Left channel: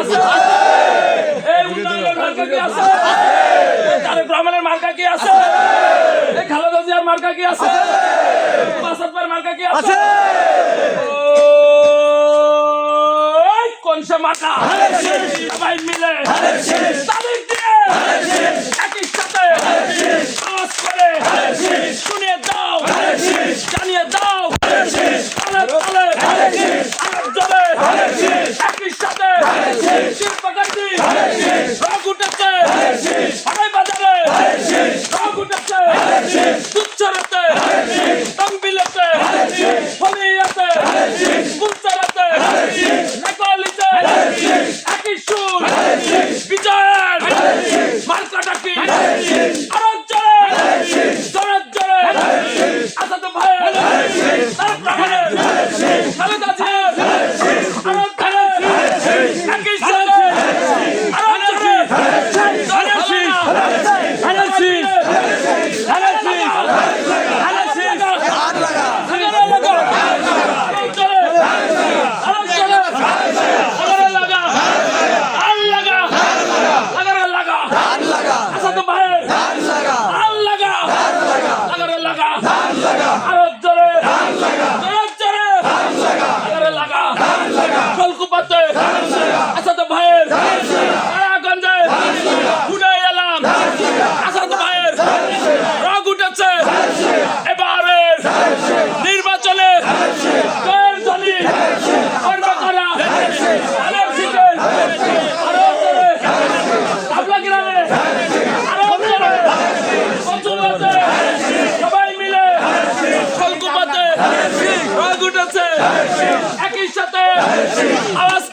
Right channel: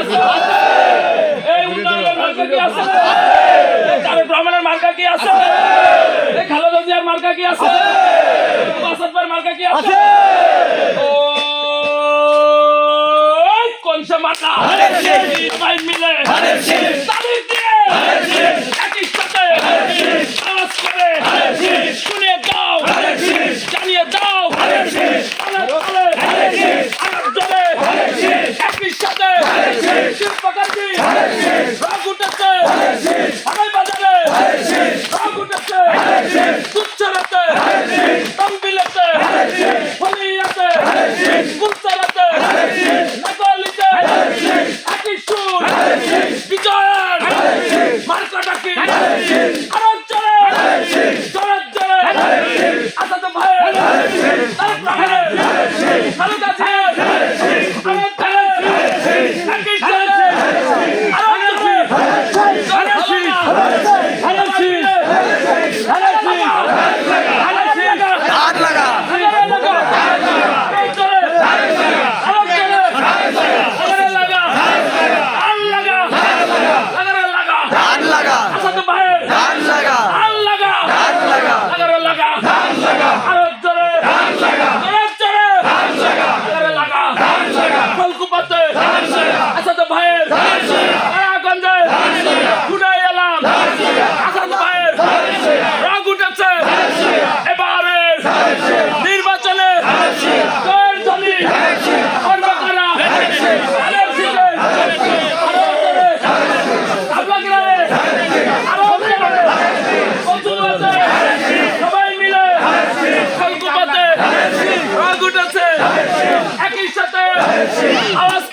আছে? এই উন্নয়নের মার্কা কি আছে? এই তারেক রহমানের মার্কা কি আছে? এই খালেদা জিয়ার মার্কা কি আছে? আসাদবার মার্কা কি আছে? ওই কোনসা মার্কা সবাই মিলে তালিম দিয়ে একই সাথে আওয়াজ করে শুনিয়ে দাও, জানিয়ে দাও, আরব জলে একই সাথে শিল্পকারী রগ উঠেছে, হাবাই বাজারে রগ উঠেছে, তুচ্ছরাতে তম্বিলেতে ফলিয়াতে কুলচারাতে নকলিতে একই সুর বিজয়ের মার্কাটা কি আরব জলে জোরে জোরে আসাদ ভাই তারেক রহমানের খালেদা জিয়ার আরব জলে একই সাথে আরব জলে নির্বাচনে সবাই মিলে একই সাথে আওয়াজ